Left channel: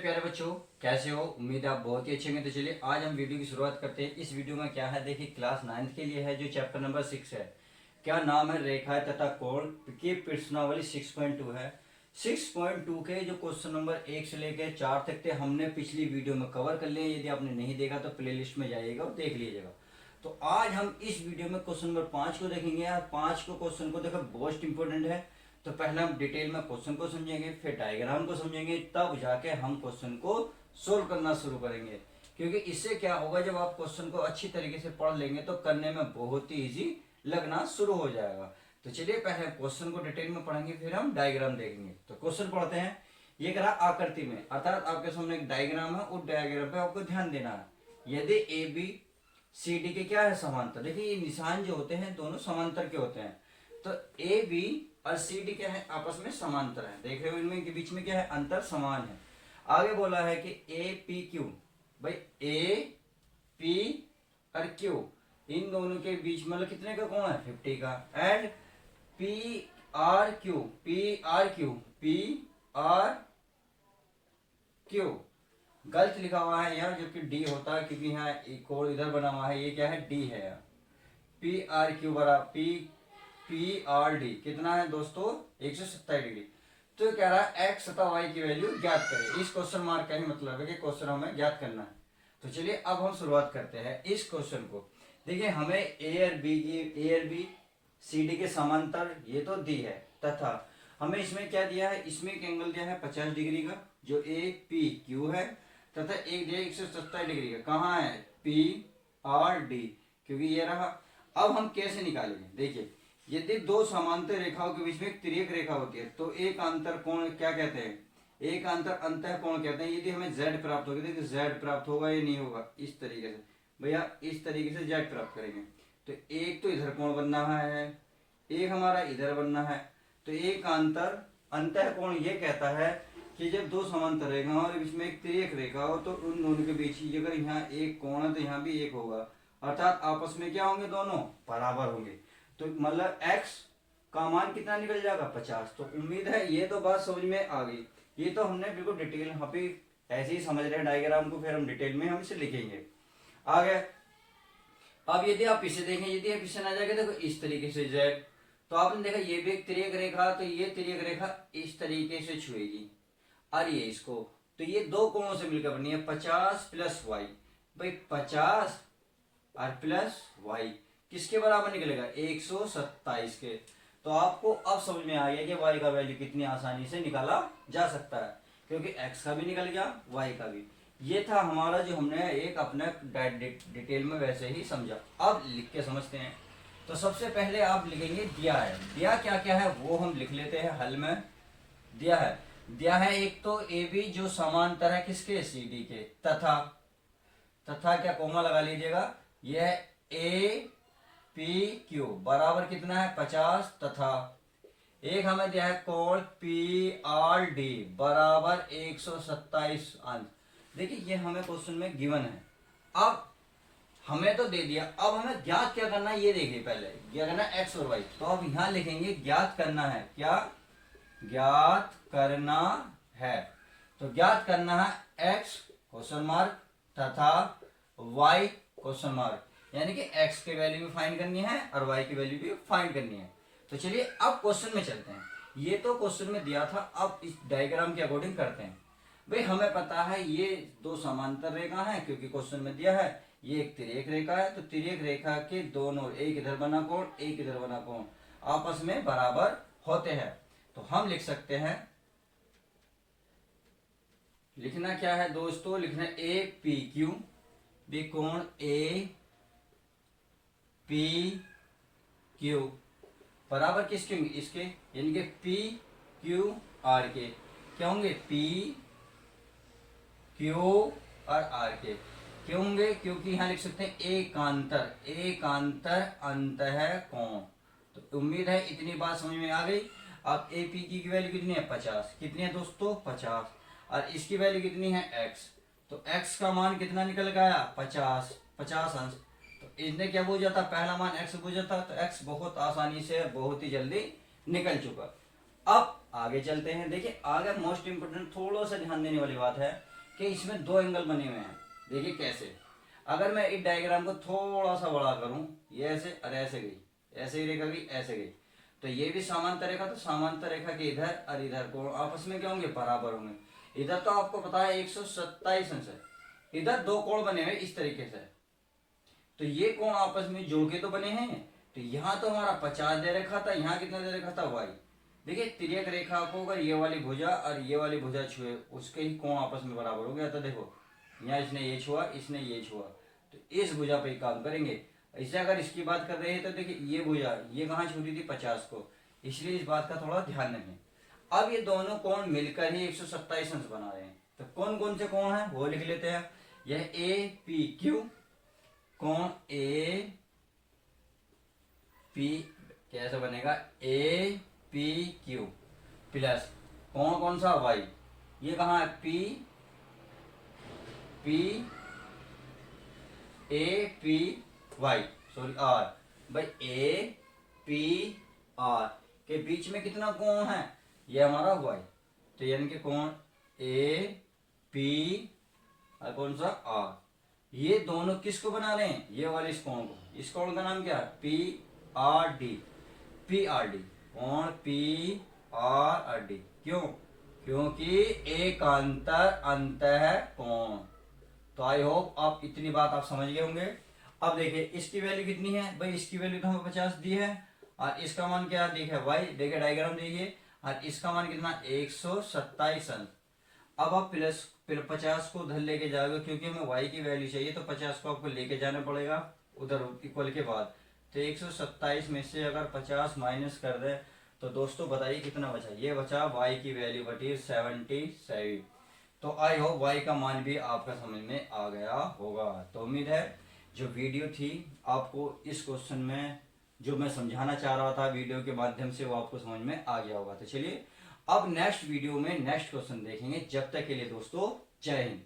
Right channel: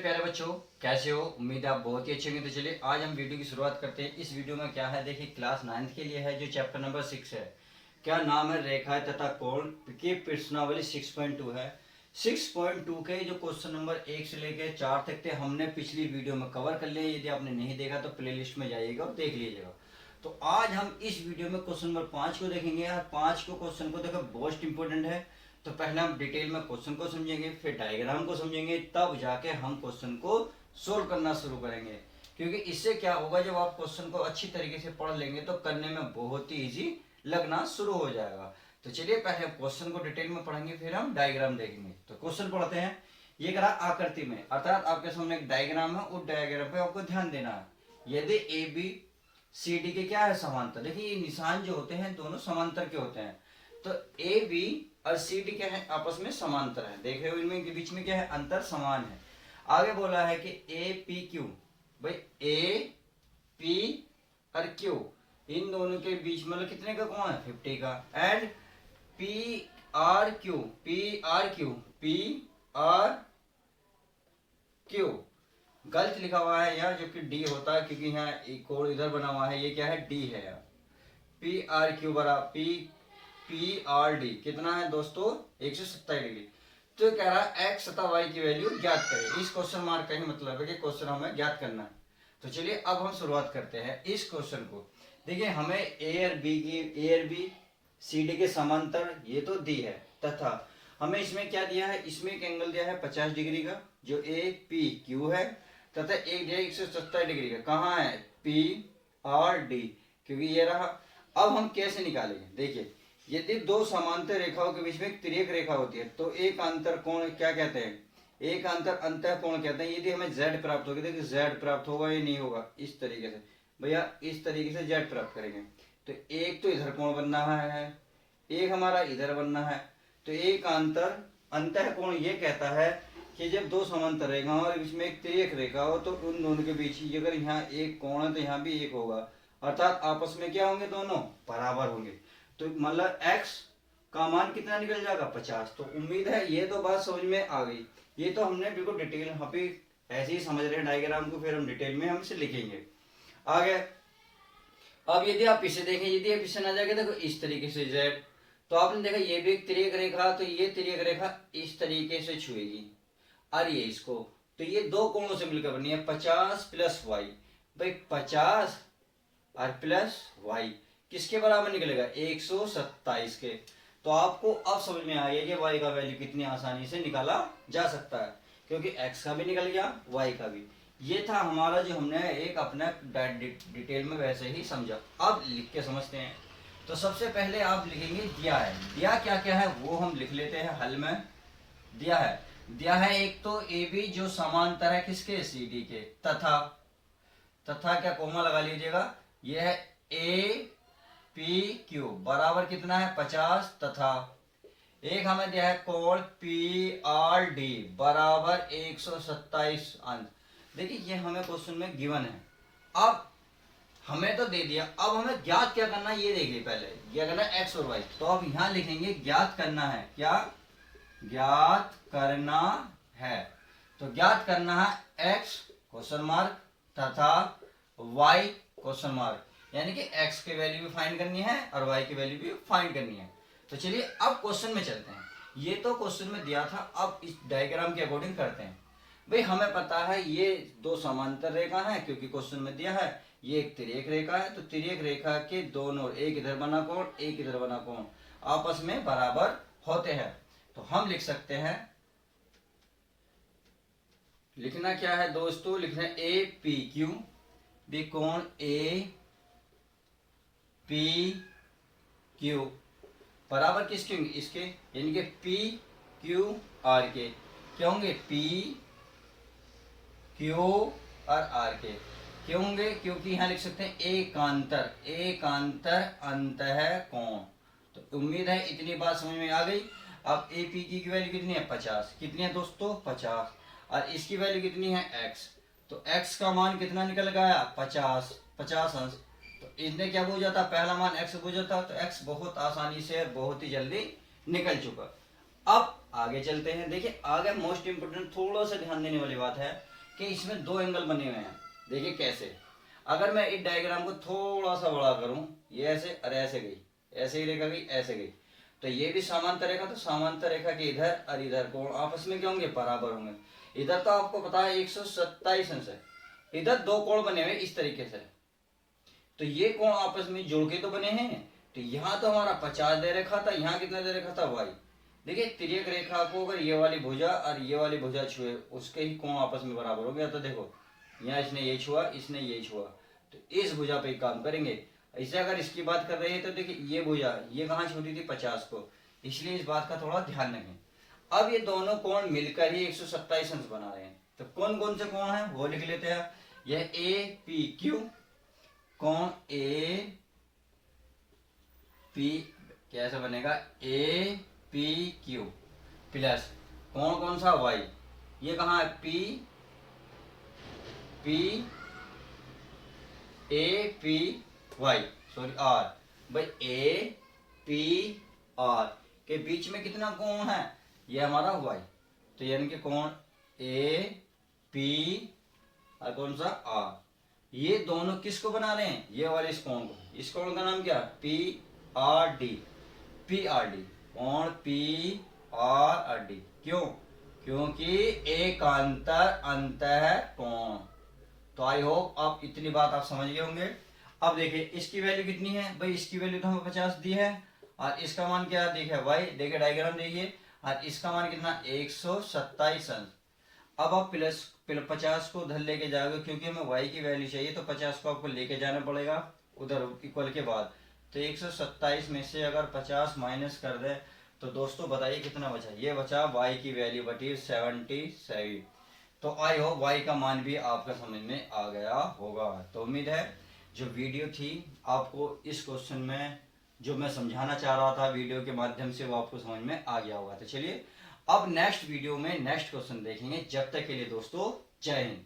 प्यारे बच्चों, कैसे हो? उम्मीद है आप बहुत ही अच्छे होंगे। तो चलिए आज हम वीडियो की शुरुआत करते हैं। इस वीडियो में क्या है, देखिए क्लास 9th के लिए है, जो चैप्टर नंबर 6 है। क्या नाम है? रेखाएं तथा कोण की प्रश्नावली 6.2 है। 6.2 के जो क्वेश्चन नंबर 1 से लेकर 4 तक थे, हमने पिछली वीडियो में कवर कर लिए। यदि आपने नहीं देखा तो प्ले लिस्ट में जाइएगा और देख लीजिएगा। तो आज हम इस वीडियो में क्वेश्चन नंबर 5 को देखेंगे। और 5 को क्वेश्चन को देखो, बहुत इंपॉर्टेंट है। तो पहले हम डिटेल में क्वेश्चन को समझेंगे, फिर डायग्राम को समझेंगे, तब जाके हम क्वेश्चन को सोल्व करना शुरू करेंगे। क्योंकि इससे क्या होगा, जब आप क्वेश्चन को अच्छी तरीके से पढ़ लेंगे तो करने में बहुत ही इजी लगना शुरू हो जाएगा। तो चलिए पहले क्वेश्चन को डिटेल में पढ़ेंगे, फिर हम डायग्राम देखेंगे। तो क्वेश्चन पढ़ते हैं। ये करा आकृति में, अर्थात आपके सामने एक डायग्राम है, उस डायग्राम पे आपको ध्यान देना है। यदि ए बी सी डी के क्या है, समांतर। देखिए ये निशान जो होते हैं दोनों समांतर के होते हैं। तो ए बी और सी डी क्या है, आपस में समांतर है। देख रहे हो, इनमें के बीच में क्या है, अंतर समान है। आगे बोला है कि ए पी क्यू, भाई ए पी और क्यू इन दोनों के बीच मतलब कितने का कोण है, 50 का। And P R Q, P R Q, P R Q गलत लिखा हुआ है यहाँ, जबकि डी होता है, क्योंकि यहाँ एक कोण इधर बना हुआ है, ये क्या है, डी है। पी आर क्यू बरा पी आर डी कितना है दोस्तों, 127 डिग्री। तो कह रहा है एक्स तथा वाई की वैल्यू ज्ञात करें। इस क्वेश्चन मार्क का ही मतलब है कि क्वेश्चन हमें ज्ञात करना है। तो चलिए अब हम शुरुआत करते हैं इस क्वेश्चन को। देखिए हमें ए और बी सी डी के समांतर ये तो दी है, तथा हमें इसमें क्या दिया है, इसमें एक एंगल दिया है 50 डिग्री का, जो ए पी क्यू है, तथा एक दिया 127 डिग्री का। कहाँ है, पी आर डी, क्योंकि ये रहा। अब हम कैसे निकालेंगे, देखिए यदि दो समांतर रेखाओं के बीच में एक तिर्यक रेखा होती है तो एक अंतर कोण क्या कहते हैं, एक अंतर अंतः कोण कहते हैं। यदि हमें z प्राप्त होगा, देखिए z प्राप्त होगा या नहीं होगा, इस तरीके से भैया, इस तरीके से z प्राप्त करेंगे। तो एक तो इधर कोण बनना है, एक हमारा इधर बनना है। तो एक अंतर अंतः कोण ये कहता है कि जब दो समांतर रेखाओं और बीच में एक तिर्यक रेखा हो तो उन दोनों के बीच ही, अगर यहाँ एक कोण है तो यहाँ भी एक होगा, अर्थात आपस में क्या होंगे, दोनों बराबर होंगे। तो मतलब x का मान कितना निकल जाएगा, 50। तो उम्मीद है ये तो बात समझ में आ गई। ये तो हमने बिल्कुल डिटेल अभी ऐसे ही समझ रहे हैं डायग्राम को, फिर हम डिटेल में हम इसे लिखेंगे आगे। अब यदि आप इसे देखें, यदि आप इसे ना जाके देखो इस तरीके से z, तो आपने देखा ये भी एक तिर्यक रेखा, तो ये तिर्यक रेखा इस तरीके से छुएगी और ये इसको, तो ये दो कोणों से मिलकर बनी है 50 प्लस वाई। भाई 50 और प्लस वाई किसके बराबर निकलेगा, 127 के। तो आपको अब समझ में आ गया कि y का वैल्यू कितनी आसानी से निकाला जा सकता है, क्योंकि x का भी निकल गया, y का भी। ये था हमारा जो हमने एक अपना डिटेल में वैसे ही समझा। अब लिख के समझते हैं। तो सबसे पहले आप लिखेंगे दिया है। दिया क्या क्या है वो हम लिख लेते हैं हल में। दिया है एक तो ए बी जो समांतर है किसके, सी डी के, तथा क्या कोमा लगा लीजिएगा, यह है ए पी क्यू बराबर कितना है, 50, तथा एक हमें दिया है कोण पी आर डी बराबर 127 अंश। देखिए ये हमें क्वेश्चन में गिवन है। अब हमें तो दे दिया, अब हमें ज्ञात क्या करना है, ये देखिए पहले क्या करना है, एक्स और वाई। तो अब यहां लिखेंगे ज्ञात करना है, क्या ज्ञात करना है। तो ज्ञात करना है एक्स क्वेश्चन मार्क तथा वाई क्वेश्चन मार्क, यानी कि x की वैल्यू भी फाइंड करनी है और y की वैल्यू भी फाइंड करनी है। तो चलिए अब क्वेश्चन में चलते हैं। ये तो क्वेश्चन में दिया था, अब इस डायग्राम के अकॉर्डिंग करते हैं। भाई हमें पता है ये दो समांतर रेखा है, क्योंकि क्वेश्चन में दिया है ये एक तिर्यक रेखा है। तो तिर्यक रेखा के दोनों, एक इधर बना कोण एक इधर बना कोण, आपस में बराबर होते हैं। तो हम लिख सकते हैं, लिखना क्या है दोस्तों, लिखना है ए पी क्यू, भी कोण ए पी क्यू बराबर किसके होंगे, इसके, यानी कि पी क्यू आर के। क्या होंगे, पी क्यू और आर के क्यों होंगे, क्योंकि यहां लिख सकते हैं एकांतर अंतः कोण। तो उम्मीद है इतनी बात समझ में आ गई। अब ए पी की वैल्यू कितनी है, 50। कितनी है दोस्तों, 50, और इसकी वैल्यू कितनी है, x। तो x का मान कितना निकल गया, 50 अंश। तो इसने क्या बोल जाता, पहला मान x बोल जाता, तो x बहुत आसानी से बहुत ही जल्दी निकल चुका। अब आगे चलते हैं। देखिए आगे मोस्ट इंपोर्टेंट थोड़ा सा ध्यान देने वाली बात है कि इसमें दो एंगल बने हुए हैं। देखिए कैसे, अगर मैं इस डायग्राम को थोड़ा सा बड़ा करूं, ये ऐसे और ऐसे गई, ऐसे ही रेखा गई, ऐसे गई, तो ये भी समांतर रेखा, तो समांतर रेखा के इधर और इधर कोण आपस में क्या होंगे, बराबर होंगे। इधर तो आपको पता है 127 अंश है, इधर दो कोण बने हुए इस तरीके से, तो ये कोण आपस में जुड़ के तो बने हैं। तो यहाँ तो हमारा 50 दे रखा था, यहाँ कितना दे रखा था वाई। देखिए तिर्यक रेखा को अगर ये वाली भुजा और ये वाली भुजा छुए, उसके ही कोण आपस में बराबर हो गया। तो देखो यहाँ इसने ये छुआ, इसने ये छुआ, तो इस भुजा पे काम करेंगे। इसे अगर इसकी बात कर रहे हैं तो देखिए ये भुजा ये कहाँ छू रही थी, 50 को, इसलिए इस बात का थोड़ा ध्यान रखें। अब ये दोनों कोण मिलकर ही 127 अंश बना रहे हैं। तो कौन कौन से कोण है वो लिख लेते हैं। यह ए पी क्यू, कोण ए पी कैसे बनेगा, ए पी क्यू प्लस कोण कौन सा वाई, ये कहाँ है P P A P Y, sorry R, भाई ए पी आर के बीच में कितना कोण है, ये हमारा वाई। तो यानी कि कोण ए पी और कौन सा आर, ये दोनों किसको बना रहे हैं, ये वाले इस कोण को। इस कोण का नाम क्या, P R D, P R D, कोण पी आर डी। क्यों, क्योंकि एकांतर अंतः कोण। तो आई होप आप इतनी बात आप समझ गए होंगे। अब देखिए इसकी वैल्यू कितनी है, भाई इसकी वैल्यू तो हमें 50 दी है, और इसका मान क्या देखिए वाई, देखिए डायग्राम देखिए, और इसका मान कितना 127 अंश। अब आप प्लस 50 को उधर लेके जाओगे, क्योंकि हमें वाई की वैल्यू चाहिए, तो 50 को आपको लेके जाना पड़ेगा उधर इक्वल के बाद। तो 127 में से अगर 50 माइनस कर दे तो दोस्तों बताइए कितना बचा, ये बचा वाई की वैल्यू बटी 77। तो आई होप वाई का मान भी आपका समझ में आ गया होगा। तो उम्मीद है जो वीडियो थी आपको इस क्वेश्चन में जो मैं समझाना चाह रहा था वीडियो के माध्यम से, वो आपको समझ में आ गया होगा। तो चलिए अब नेक्स्ट वीडियो में नेक्स्ट क्वेश्चन देखेंगे। जब तक के लिए दोस्तों जय हिंद।